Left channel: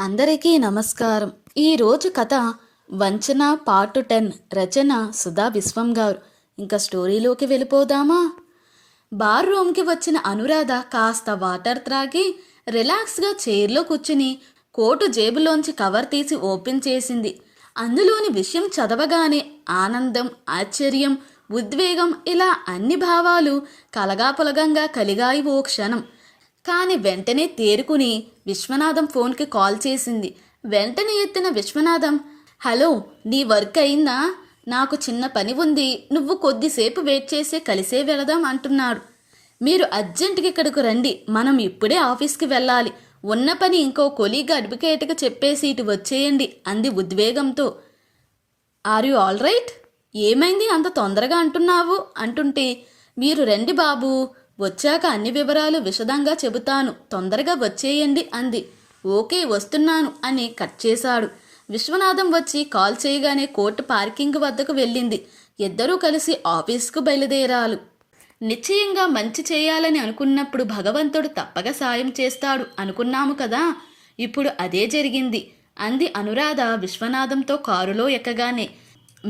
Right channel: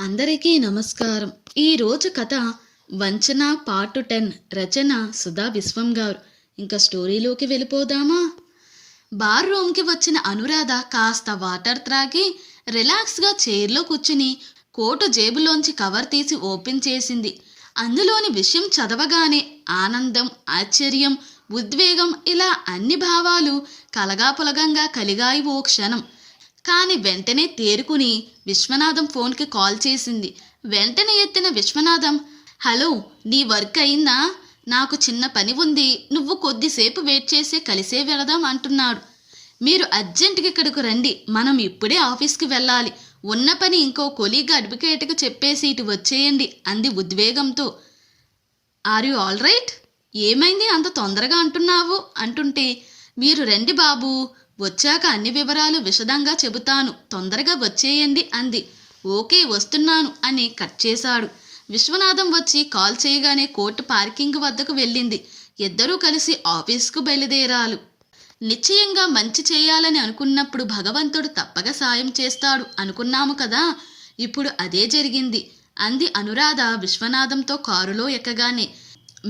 అందరికీ నమస్కారం. ఈరోజు కథ వంచన పార్ట్ 10 రచన సుధా విశ్వం గారు. ఇంకా స్టోరీలోకి వెళ్ళిపోదామా? బార్ రూమ్కి వచ్చిన అనురాధ కాస్త వాటర్ త్రాగి రిలాక్స్గా చైర్లో కూర్చుని కోటు జేబులోంచి కవర్ తీసి ఓపెన్ చేసింది. అందులోని విషయం చదవగానే ఆనందం, ఆశ్చర్యం, ఉద్వేగం ఇలా అన్ని భావాలు కలగాపులగంగా కలిగాయి ఓ క్షణం. కానీ వెంటనే తేరుకుని విశ్వనాథం ఫోన్కి కాల్ చేసింది. వెంటనే ఎత్తిన విశ్వనాథం, హలో, నీ వర్క్ అయిందా? నాకు చిన్న పని ఉంది, నువ్వు కొద్దిసేపు వెయిట్ చేసే కలిసే వెళదాం అంటున్నాడు. మీరు అర్జెంటుగా ఇక్కడికి రండి, మనం ఇప్పుడే ఆఫీస్కి వెళ్ళాలి. ఉన్న పని ఇంకో కొలీగ్ అడ్వకేట్కి చెప్పేసి ఇటు వచ్చేయండి అంది ఉద్వేగంతో. Are you all right? ఏమైంది అంత తొందరగా అంటున్నావు అంటుంటే, మీరు రండి బాబు, వచ్చాక అన్ని వివరాలు విశదంగా చెబుతాను, తొందరగా వచ్చేయండి అంది. ఓకే, వస్తున్నాను అని కట్ చేశాడు. విశ్వనాథం వచ్చి కాల్ చేయగానే కోర్టు పార్కింగ్ వద్దకు వెళ్ళింది. ఇద్దరూ కలిసి ఆఫీస్కు బయలుదేరాలు. నిశ్చయంగా మంచి చేయాలని అనుకున్నప్పుడు భగవంతుడు తప్పక సాయం చేస్తాడు అనుకున్నాము కదా, ఇప్పుడు అదే జరిగింది అంది అనురాధ విశ్వనాథంతో కారులో ఎక్కగానే.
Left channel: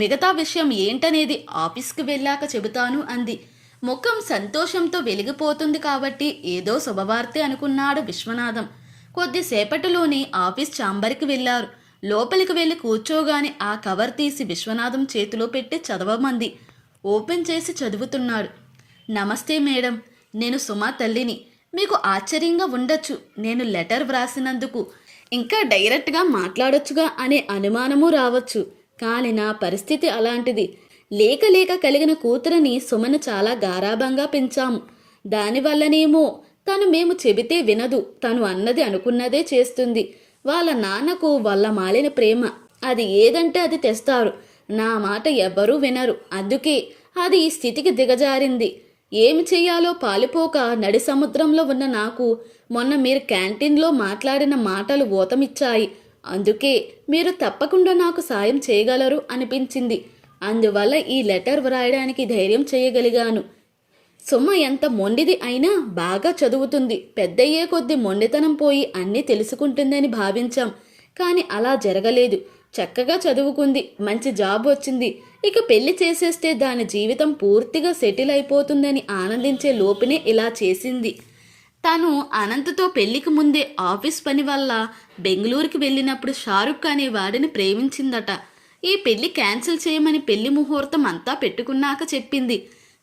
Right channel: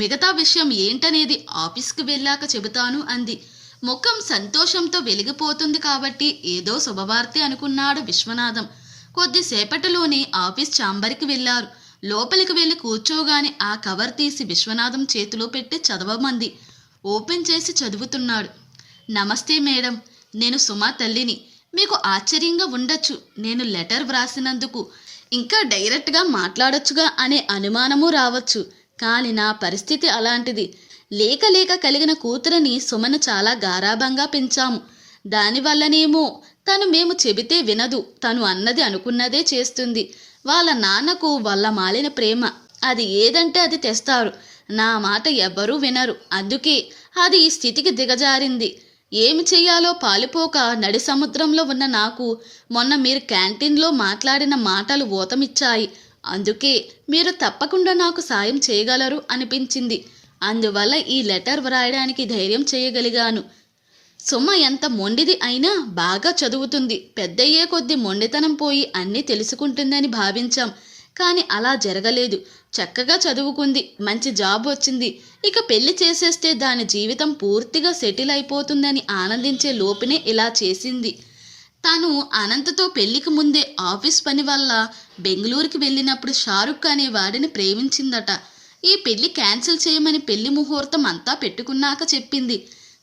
మిగతా విషయం ఏంటనేది ఆఫీస్కి వెళ్ళాక చెబుతాను అంది. ముఖం సంతోషంతో వెలిగిపోతుంది కాబట్టి ఏదో శుభవార్తే అనుకున్నాడు విశ్వనాథం. కొద్దిసేపటిలోనే ఆఫీస్ ఛాంబర్కి వెళ్ళారు. లోపలికి వెళ్ళి కూర్చోగానే ఆ కవర్ తీసి విశ్వనాథం చేతిలో పెట్టి చదవమంది. ఓపెన్ చేసి చదువుతున్నాడు. నమస్తే మేడం, నేను సుమా తల్లిని. మీకు ఆశ్చర్యంగా ఉండొచ్చు నేను లెటర్ వ్రాసినందుకు. ఇంకా డైరెక్ట్గా మాట్లాడొచ్చుగా అనే అనుమానము రావచ్చు. కానీ నా పరిస్థితి అలాంటిది. లేక లేక కలిగిన కూతురని సుమను చాలా గారాబంగా పెంచాము. దానివల్లనేమో తను మేము చెబితే వినదు, తను అన్నది అనుకున్నదే చేస్తుంది. వాళ్ళ నాన్నకు వాళ్ళ మాలిన ప్రేమ, అది ఏదంటే అది తెస్తారు. నా మాట ఎవ్వరూ వినరు. అందుకే అది ఈ స్థితికి దిగజారింది. ఏమి చెయ్యాలో పాలుపోక నడి సముద్రంలో ఉన్న నాకు మొన్న మీరు క్యాంటీన్లో మాట్లాడిన మాటలు ఊతమిచ్చాయి. అందుకే మీరు తప్పకుండా నాకు సాయం చేయగలరు అనిపించింది. అందువల్ల ఈ లెటర్ వ్రాయడానికి ధైర్యం చేయగలిగాను. సుమ ఎంత మొండిది అయినా బాగా చదువుతుంది. పెద్దయ్యే కొద్దీ మొండితనం పోయి అన్నీ తెలుసుకుంటుందని భావించాం. కానీ అలా జరగలేదు. చక్కగా చదువుకుంది, మంచి జాబ్ వచ్చింది. ఇక పెళ్లి చేసేస్తే దాని జీవితం పూర్తిగా సెటిల్ అయిపోతుందని ఆనందించే లోపునే ఇలా చేసింది. తను అనంతతో పెళ్లికి ముందే ఆఫీస్ పని వల్ల బెంగళూరుకి వెళ్ళినప్పుడు షారుఖ్ అనే వాడిని ప్రేమించిందట. ఈ పెళ్లి క్యాన్సిల్ చేయమని పెళ్లి ముహూర్తం అంతా పెట్టుకున్నాక చెప్పింది.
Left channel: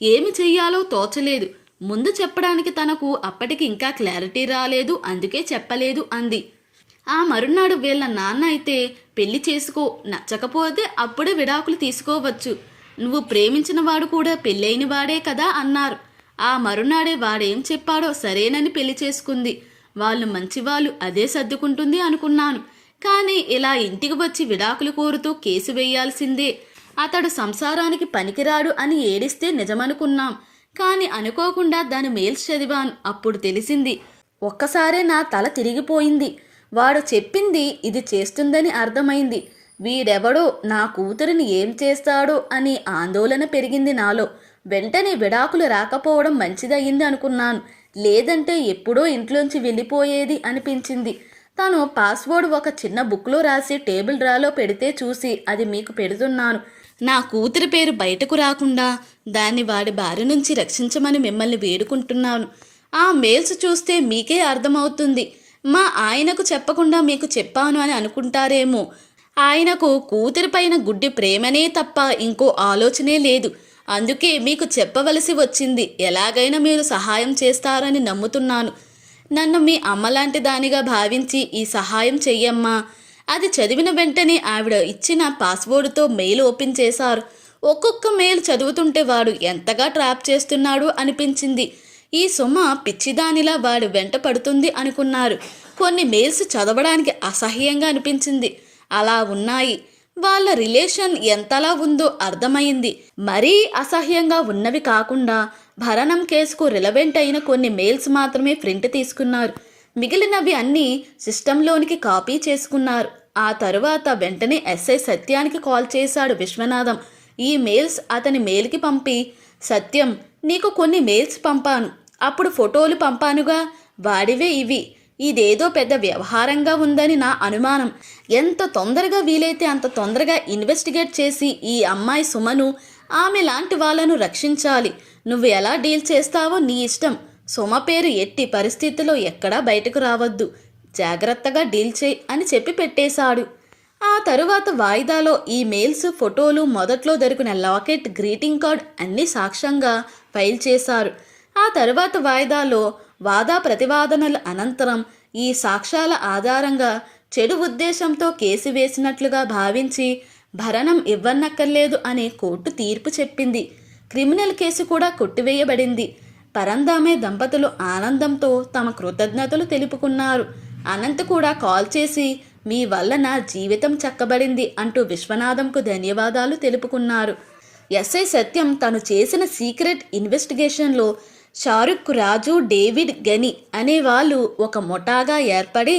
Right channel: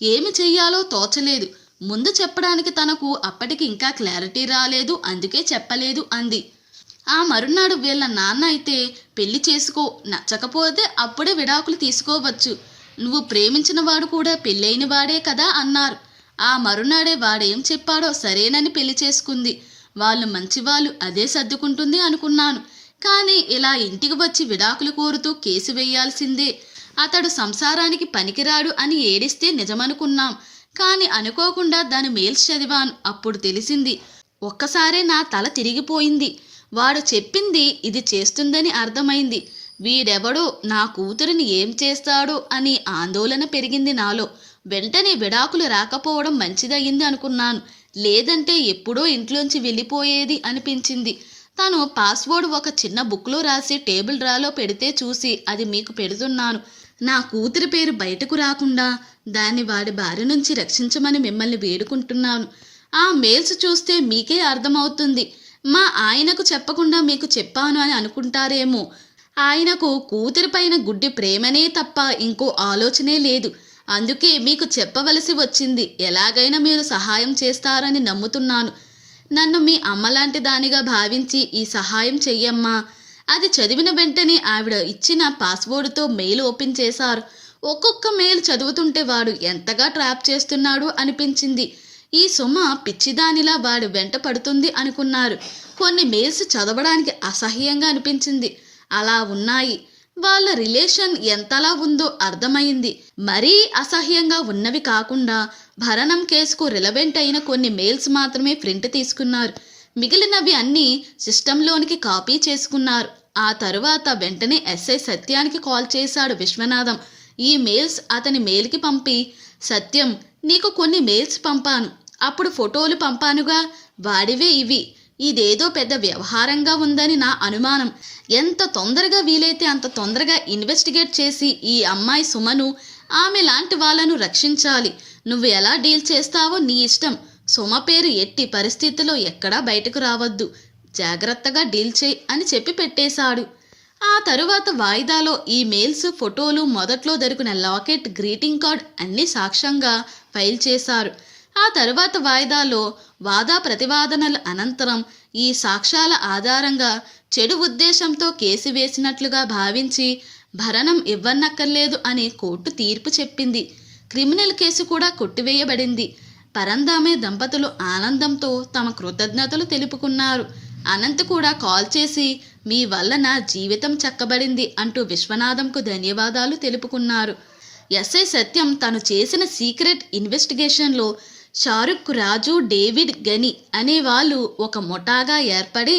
ఏమి చెయ్యాలో తోచలేదు. ముందు చెప్పడానికి తనకు అప్పటికి ఇంకా క్లారిటీ రాలేదు, అందుకే చెప్పలేదు అంది. ఆ మరునాడు వీళ్ళ నాన్న అయితే, పెళ్లి చేసుకో, నచ్చకపోతే అప్పుడే విడాకులు తీసుకోవచ్చు, నువ్వు ప్రేమించిన వాడు కూడా పెళ్ళైన వాడే కదా అన్నారు. ఆ మరునాడే వాడేం చెప్పాడో సరేనని పెళ్లి చేసుకుంది. వాళ్ళు మంచివాళ్ళు, అదే సర్దుకుంటుంది అనుకున్నాను. కానీ ఇలా ఇంటికి వచ్చి విడాకులు కోరుతూ కేసు వేయాల్సిందే. అతడు సంసారానికి పనికిరాడు అని ఏడిస్తే నిజమనుకున్నాం. కానీ అనుకోకుండా దాని మెయిల్స్ చదివాను. అప్పుడు తెలిసింది. ఒక్కసారే నా తల తిరిగిపోయింది. వాడు చెప్పింది ఇది చేస్తుందని అర్థమైంది. వీడెవడో నా కూతురిని ఏం చేస్తాడో అని ఆందోళన పెరిగింది నాలో. వెంటనే విడాకులు రాకపోవడం మంచిదయ్యింది అనుకున్నాను. లేదంటే ఎప్పుడో ఇంట్లోంచి వెళ్ళిపోయేది అనిపించింది. తను పాస్వర్డ్ ఒక చిన్న బుక్లో రాసి టేబుల్ డ్రాలో పెడితే చూసి అది మీకు పెడుతున్నాను. నా కూతురి పేరు బయటకు రాకుండా దాన్ని వాడి బారి నుంచి రక్షించమని మిమ్మల్ని వేడుకుంటున్నాను. ఆ మెయిల్స్ చూస్తే మీకే అర్థమవుతుంది. మా ఆయనకు చెప్పకుండా మీకు చెప్పాను అని అనుకుంటారేమో. ఆయనకు కూతురిపైన గుడ్డి ప్రేమనే తప్ప ఇంకో ఆలోచనే లేదు. అందుకే మీకు చెప్పవలసి వచ్చింది. ఎలాగైనా మీరు సహాయం చేస్తారని నమ్ముతున్నాను. నన్ను మీ అమ్మలాంటి దానిగా భావించి ఈ సహాయం చెయ్యమ్మా. అది చదివిన వెంటనే ఆవిడ ఇచ్చిన పాస్వర్డ్తో మెయిల్ ఓపెన్ చేశారు. ఒక్కొక్క మెయిల్ చదువుతుంటే వాడు ఎంతగా ట్రాప్ చేస్తున్నాడు అనిపించింది. ఈ సుమ పిచ్చిదానిలా వాడు వెంట పడుతుంది అనుకున్నారు. కొన్ని మెయిల్స్ చదవడానికి అసహ్యంగా అనిపించింది. అలా ఉన్నాయి. వాళ్ళ రిలేషన్ ఎంతలా ఉందో అర్థమైంది. మరీ అసహ్యంగా ఉన్నవి కాకుండా భరణం కేసుకు రిలవెంట్ అయిన కొన్ని మెయిల్స్ మాత్రమే ప్రింట్ తీసుకున్నారు. మిగిలినవి అన్నీ సిస్టంలోనికి కాపీ చేసుకున్నారు. ఆ తరువాత వెంటనే ఎస్ఐ సత్యానికి కాల్ చేశాడు విశ్వనాథం. ఈ మెయిల్స్ అతని మెయిల్కి పంపి, సత్యం, నీకు కొన్ని మెయిల్స్ పంపాను, అప్పుడు ఫోటోలు పంపానుగా, వాడివే ఇవి. ఇదేదో పెద్ద వ్యవహారంగా ఉందని నా అనుమానం. ఎంత తొందరగా వీలైతే అంత తొందరగా ఇన్వెస్టిగేట్ చేసి ఈ అమ్మాయి సుమను, ఆమె లాంటి వాళ్ళను రక్షించాలి. నువ్వు ఎలా డీల్ చేస్తావో నీ ఇష్టం. సుమ పేరు ఎట్టి పరిస్థితుల్లో ఎక్కడా బయటకు రావద్దు. జాగ్రత్తగా డీల్ చేయి అని చెప్పి పెట్టేశాడు. ఆ తరువాత వాయిదాలో ఈ మెయిల్స్, ఫోటోలు, మొదట్లో దొరికిన లాకెట్, గ్రీటింగ్ కార్డ్ అన్నీ సాక్ష్యంగా ఫైల్ చేశారు. ఆ తరువాత వాయిదాలో వాదా ప్రతివాదనల అనంతరం ఈ సాక్ష్యాల ఆధారంగా చెడు ఉద్దేశంతో కేసు వేసినట్లుగా భావించి భరణం ఇవ్వనక్కర్లేదు అని కోర్టు తీర్పు చెప్పింది. క్రిమినల్ కేసు కూడా కొట్టివేయబడింది. పరందామే దంపతులు ఆనందంతో తమ కృతజ్ఞతలు తెలుపుకున్నారు. అనంత్ కూడా కాల్ చేసి మీ వల్ల నా జీవితం చక్కబడింది అంటూ విశ్వనాథంకు ధన్యవాదాలు తెలుపుకున్నారు. ఎస్ఐ సత్యం తను చేసిన సీక్రెట్ ఇన్వెస్టిగేషన్లో షారుఖ్, రాజు, డేవిడ్, గని అనే వాళ్ళు ఒక ముఠాగా ఏర్పడి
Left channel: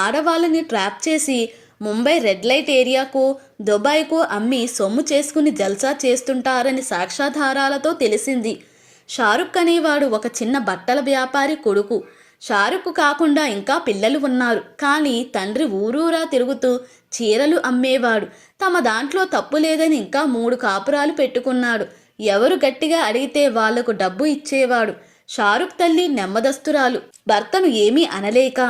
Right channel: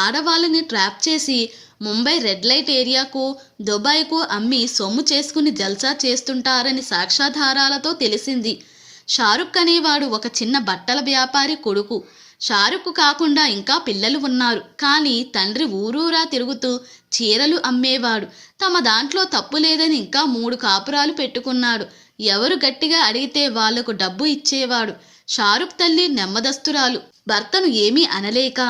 ఆడవాళ్ళని ట్రాప్ చేసి ముంబై రెడ్ లైట్ ఏరియాకు, దుబాయ్కు అమ్మి సొమ్ము చేసుకుని జల్సా చేస్తుంటారని సాక్ష్యాధారాలతో తెలిసింది. షారుఖ్ అనేవాడు ఒక చిన్న బట్టల వ్యాపారి కొడుకు. షారుఖ్ కాకుండా ఇంకా పిల్లలు ఉన్నారు. కానీ తండ్రి ఊరూరా తిరుగుతూ చీరలు అమ్మేవాడు. తమ దాంట్లో తప్పు లేదని ఇంకా 3 కాపురాలు పెట్టుకున్నాడు. ఎవరు గట్టిగా అడిగితే వాళ్లకు డబ్బు ఇచ్చేవాడు. షారుఖ్ తల్లి నెమ్మదస్తురాలు. భర్తను ఏమీ అనలేక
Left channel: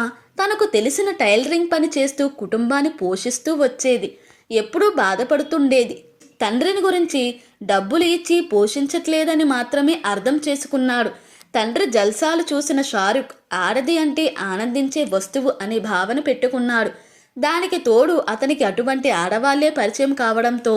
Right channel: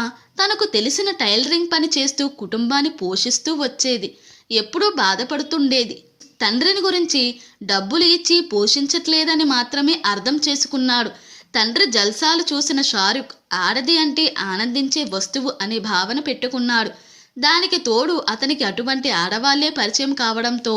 తనకు తెలిసిన టైలరింగ్ పని చేస్తూ కుటుంబాన్ని పోషిస్తూ వచ్చేది. ఎప్పుడూ బాధపడుతుండేది. తండ్రిని గురించి డబ్బులు ఇచ్చి పోషించట్లేదని మాత్రమే అర్థం చేసుకున్నాడు. తండ్రి జల్సాలు చూసిన షారుఖ్ ఆడది అంటే ఆనందించే వస్తువు అనే భావన పెట్టుకున్నాడు. దానికి తోడు అతనికి అటువంటి ఆడవాళ్లే పరిచయం కావడంతో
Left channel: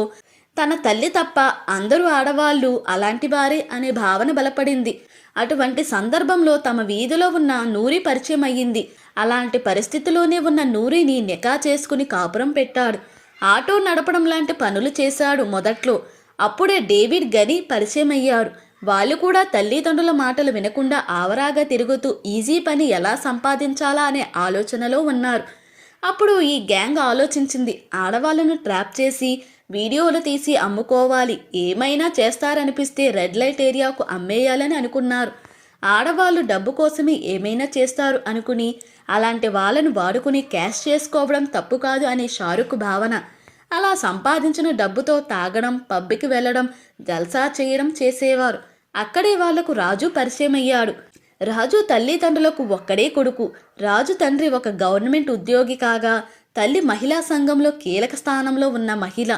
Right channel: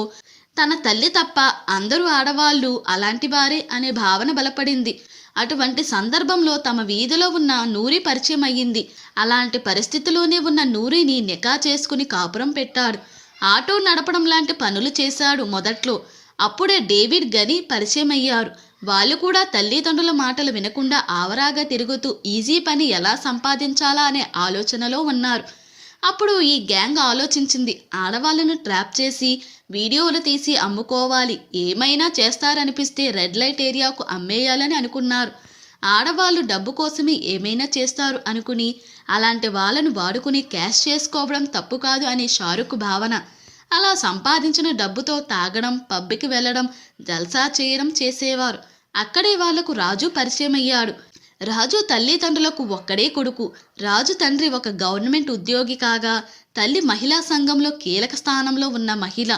తన తల్లి తప్ప అందరూ ఆడవాళ్ళు అలాంటి వారే అనే భావన బలపడింది. అటువంటి సందర్భంలో తమ వీధిలో ఉన్న నూరి పరిచయం అయ్యింది. అలాంటి పరిస్థితిలోనే ఉన్న నూరిని నికా చేసుకుని కాపురం పెట్టాడు. ఆటో నడపడం లాంటి పనులు చేశాడు మొదట్లో. అప్పుడే డేవిడ్, గని పరిచయం అయ్యారు. వాళ్ళు కూడా తల్లిదండ్రుల మాటలు వినకుండా ఆవరాగా తిరుగుతూ ఈజీ పని ఎలా సంపాదించాలా అనే ఆలోచనలో ఉన్నారు. అప్పుడు ఈ గ్యాంగ్ ఆలోచించింది, ఆడవాళ్ళను ట్రాప్ చేసి వీడియోలు తీసి అమ్ముకోవాలి, ఏమైనా చేస్తారనిపిస్తే రెడ్ లైట్ ఏరియాకు అమ్మేయాలని అనుకున్నారు. ఆడవాళ్ళు డబ్బు కోసమే ఏమైనా చేస్తారు అనుకుని అలాంటి వాళ్ళను వాడుకుని క్యాష్ చేసుకోవడం తప్పు కాదు అని షారుఖ్ భావన. అలా సంపాదించిన డబ్బుతో తాగడం, పబ్కి వెళ్ళడం, జల్సా చేయడం చేసేవారు. అక్కడే వాళ్లకు రాజు పరిచయం అయ్యాడు. రాజు తల్లిదండ్రులకు ఒక్కడే కొడుకు. రాజు తండ్రి ఒక గవర్నమెంట్ ఉద్యోగి కాగా తల్లి మహిళా సంఘంలో కీలక స్థానంలో ఉన్న మహిళ.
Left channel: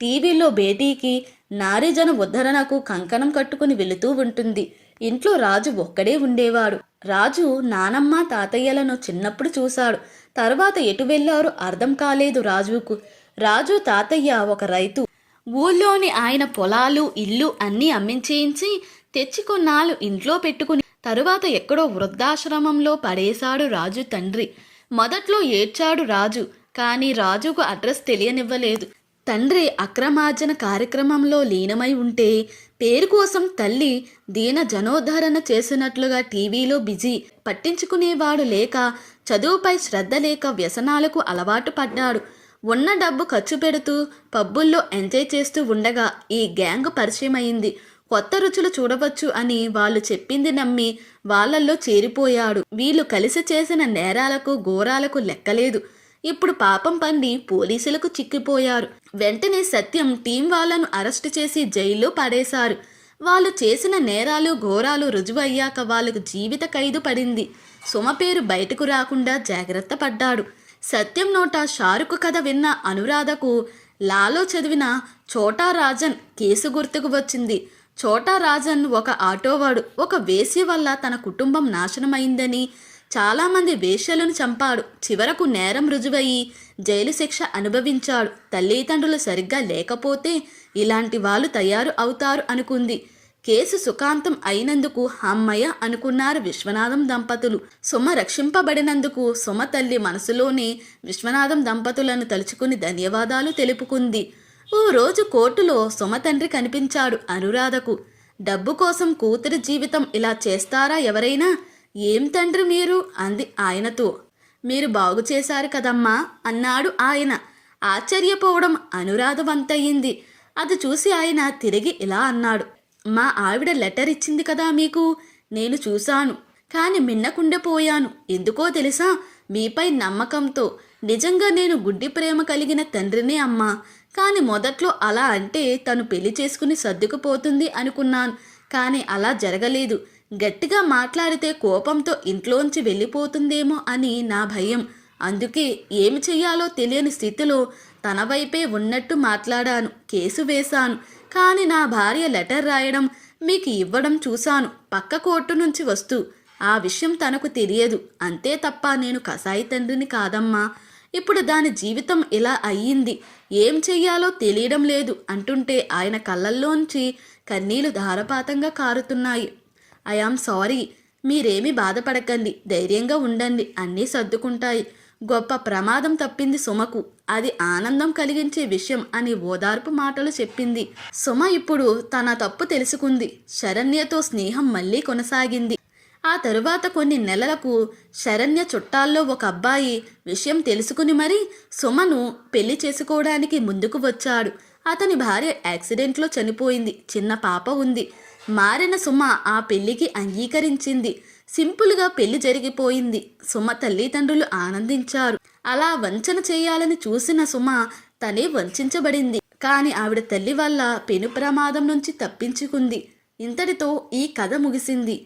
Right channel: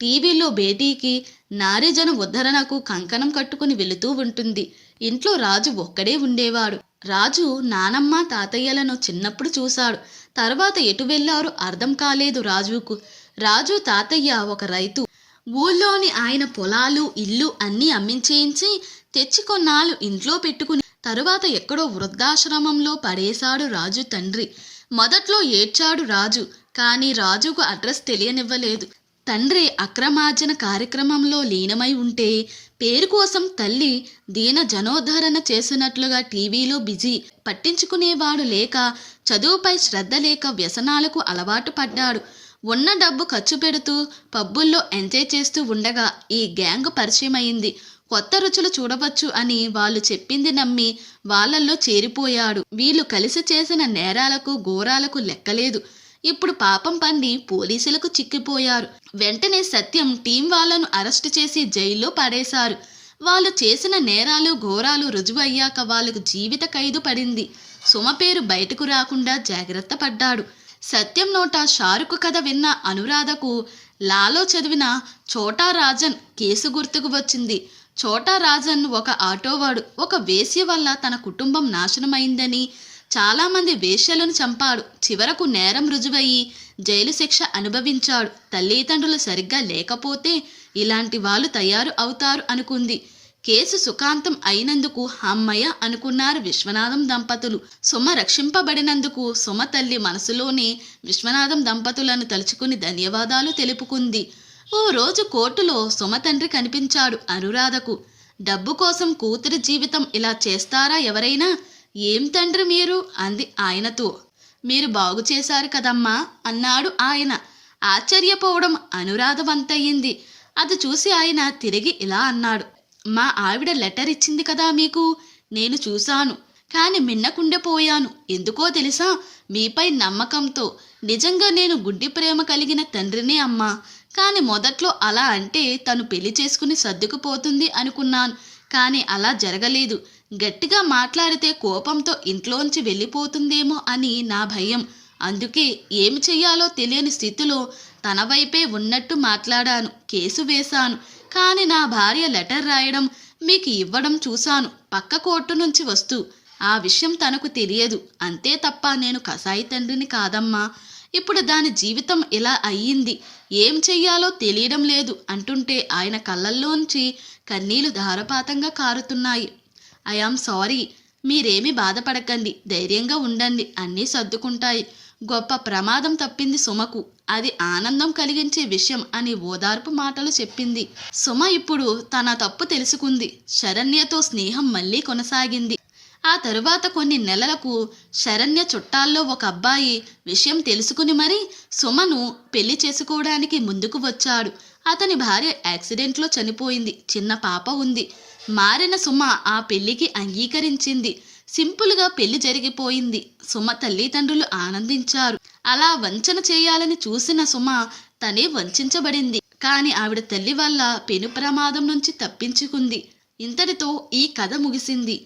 టీవీలో భేటీకి, నారీజన ఉద్ధరణకు కంకణం కట్టుకుని వెళుతూ ఉంటుంది. ఇంట్లో రాజు ఒక్కడే ఉండేవాడు. రాజు నానమ్మ, తాతయ్యలను చిన్నప్పుడు చూశాడు. తర్వాత ఎటు వెళ్లారో అర్థం కాలేదు రాజుకు. రాజు తాతయ్య ఒక రైతు. ఊళ్ళోని ఆయన పొలాలు, ఇల్లు అన్నీ అమ్మించేయించి తెచ్చి కొన్నాళ్ళు ఇంట్లో పెట్టుకుని తరువాత ఎక్కడో వృద్ధాశ్రమంలో పడేశాడు రాజు తండ్రి. మొదట్లో ఏడ్చాడు రాజు. కానీ రాజుకు అడ్రస్ తెలియనివ్వలేదు. తండ్రి అక్రమార్జన కార్యక్రమంలో లీనమై ఉంటే పేరు కోసం తల్లి దీన జనోద్ధరణ చేసినట్లుగా టీవీలో బిజీ. పట్టించుకునేవాడు లేక, చదువుపై శ్రద్ధ లేక వ్యసనాలకు అలవాటు పడ్డాడు. ఉన్న డబ్బు ఖర్చు పెడుతూ పబ్బుల్లో ఎంజాయ్ చేస్తూ ఉండగా ఈ గ్యాంగ్ పరిచయం అయింది. కొత్త రుచులు చూడవచ్చు అని వాళ్ళు చెప్పింది నమ్మి వాళ్ళల్లో చేరిపోయాడు. వీళ్ళు కలిసి చేసిన నేరాలకు, ఘోరాలకు లెక్కలేదు. ఇప్పుడు పాపం పండి పోలీసులకు చిక్కిపోయారు. వెంటనే సత్యం టీం వాళ్లను అరెస్టు చేసి జైల్లో పడేశారు. వాళ్ళు చేసిన నేరాలు, ఘోరాలు రుజువయ్యాక వాళ్లకు జీవిత ఖైదు పడింది. సుమ పేరు బయటకు రాకుండా జాగ్రత్త పడ్డాడు. సత్యం నోట షారుఖ్ కథ విన్న అనురాధకు లాలో చదివిన చోటా రాజన్ కేసు గుర్తుకు వచ్చింది. చోటా రాజన్ ఒక ఆటోవాడు. ఒక వేశ్య వల్ల తన కుటుంబం నాశనమైందని, చాలామంది వేశ్యలను చంపాడు. చివరకు నేరం రుజువయ్యి జైలు శిక్ష అనుభవించాడు. తల్లిదండ్రులు సరిగ్గా లేకపోతే ఇలాంటి వాళ్ళు తయారు అవుతారు అనుకుంది. కేసు సుఖాంతం అయినందుకు అమ్మయ్య అనుకున్నారు విశ్వనాథం దంపతులు. సుమ రక్షింపబడినందుకు సుమ తల్లి మనసులోనే విశ్వనాథం దంపతులను తలుచుకుని ధన్యవాదాలు తెలుపుకుంది. ఓ రోజు కోర్టులో సుమ తండ్రి కనిపించాడు అనురాధకు. డబ్బు కోసం కూతురి జీవితం ఇలా చేస్తారా ఎవరైనా? ఏం తండ్రి మీరు అంది ఆయనతో. మీరు బాగు చేశారు కదమ్మా అన్నాడు ఆయన. ఆశ్చర్యపోవడం అనురాధ వంతయింది. అది చూసి ఆయన తిరిగి ఇలా అన్నాడు, మా ఆవిడ లెటర్ ఇచ్చింది కదా మీకు, నేను చూశాను. కానీ మిన్నకుండిపోయాను. ఎందుకో తెలుసా? మీపై నమ్మకంతో. నిజంగా నేను గుడ్డి ప్రేమ కలిగిన తండ్రినే అమ్మా. కానీ మొదట్లో అలా అంటే తను పెళ్లి చేసుకుని సర్దుకుపోతుంది అనుకున్నాను. కానీ అలా జరగలేదు. గట్టిగా మాట్లాడితే కోపంతో ఇంట్లోంచి వెళ్ళిపోతుందేమో అని నా భయం. అందుకే ఏమి చెయ్యాలో తెలియని స్థితిలో తన వైపే ఉన్నట్టు మాట్లాడాను. కేసు వేశాను. కానీ నా భార్య లెటర్ రాయడం, మీకు ఇవ్వడం చూశాను పక్క కోర్టు నుంచి వస్తూ. ఆ విషయం తనకు తెలియదు. అంతే తప్ప నేను కసాయి తండ్రిని కాదమ్మా. ఇప్పుడు దాని జీవితం ఇలా అయ్యింది. ఏం చెయ్యాలో తెలియడం లేదు అంటుంటే ఆయన కళ్ళల్లోంచి కన్నీళ్లు ధారపాతంగా కారుతున్నాయి. I am sorry. మీరేమీ బాధపడకండి. ధైర్యంగా ఉండండి. అన్నీ సర్దుకుంటాయి. గొప్ప ప్రమాదం తప్పింది సుమకు. అది ఆనందం కలిగించే విషయం అని ఓదార్పు మాటలు చెప్పింది. సుమ ఇప్పుడు తన తప్పు తెలుసుకుంది. శరణ్యతో స్నేహం మళ్ళీ కొనసాగింది. ఆ తరువాత కొన్ని నెలలకు శరణ్య చుట్టాల్లో ఒక అబ్బాయి విషయం తెలుసుకుని మరీ సుమను పెళ్లి చేసుకోవడానికి ముందుకు వచ్చాడు. అతని భార్య యాక్సిడెంట్లో చనిపోయింది. చిన్న పాప ఉంది. మారిన సుమ ఆ పెళ్లికి అంగీకరించింది. సింపుల్గా పెళ్లి జరిగిపోయింది. సుమ తల్లిదండ్రులు ఆనందించారు. అలా వంచన చేయాలని చూసిన సుమ తనే వంచబడింది. కానీ ఆవిడ తల్లి వల్ల పెను ప్రమాదం నుంచి తప్పించుకుంది. ఇంతటితో ఈ కథ ముగిసింది.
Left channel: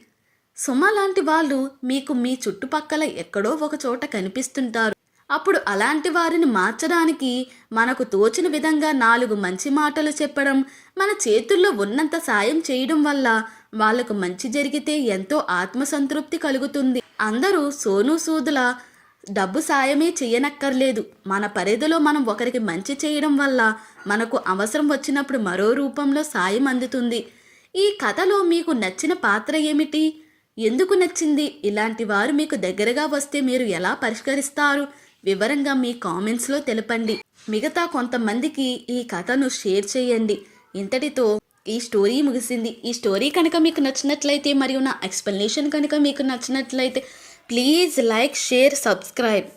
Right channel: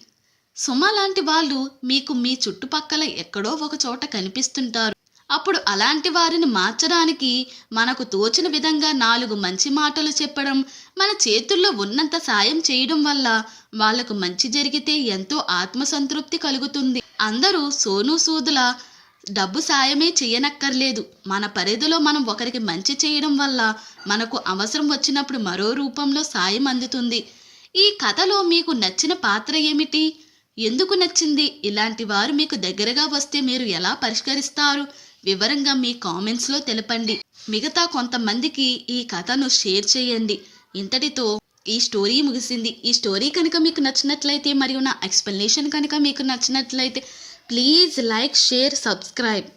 సుమ లాంటి వాళ్ళు మీకు మీ చుట్టుపక్కల ఎక్కడో ఒక చోట కనిపిస్తుంటారు. అప్పుడు అలాంటి వారిని మార్చడానికి మనకు తోచిన విధంగా 4 మంచి మాటలు చెప్పడం, మన చేతుల్లో ఉన్నంత సాయం చేయడం వల్ల వాళ్లకు మంచి జరిగితే ఎంతో ఆత్మసంతృప్తి కలుగుతుంది. అందరూ సోను సూదుల డబ్బు సాయమే చెయ్యనక్కర్లేదు. మన పరిధిలో మనం ఒకరికి మంచి చేయడం వల్ల మనకు అవసరం వచ్చినప్పుడు మరో రూపంలో సాయం అందుతుంది. ఈ కథలో మీకు నచ్చిన పాత్ర ఏమిటి? ఎందుకు నచ్చింది? ఇలాంటి వారు మీకు దగ్గరగా వస్తే మీరు ఎలా పరిష్కరిస్తారు? వివరంగా మీ కామెంట్స్లో తెలపండి. మిగతా కొంతమందికి ఈ కథను షేర్ చేయండి. ఇంతటితో ఈ స్టోరీ ముగిసింది. ఈ స్టోరీ కనుక మీకు నచ్చినట్లయితే మరియు నా ఎక్స్ప్లెనేషన్ కనుక మీకు నచ్చినట్లయితే ప్లీజ్ లైక్, షేర్, సబ్స్క్రైబ్.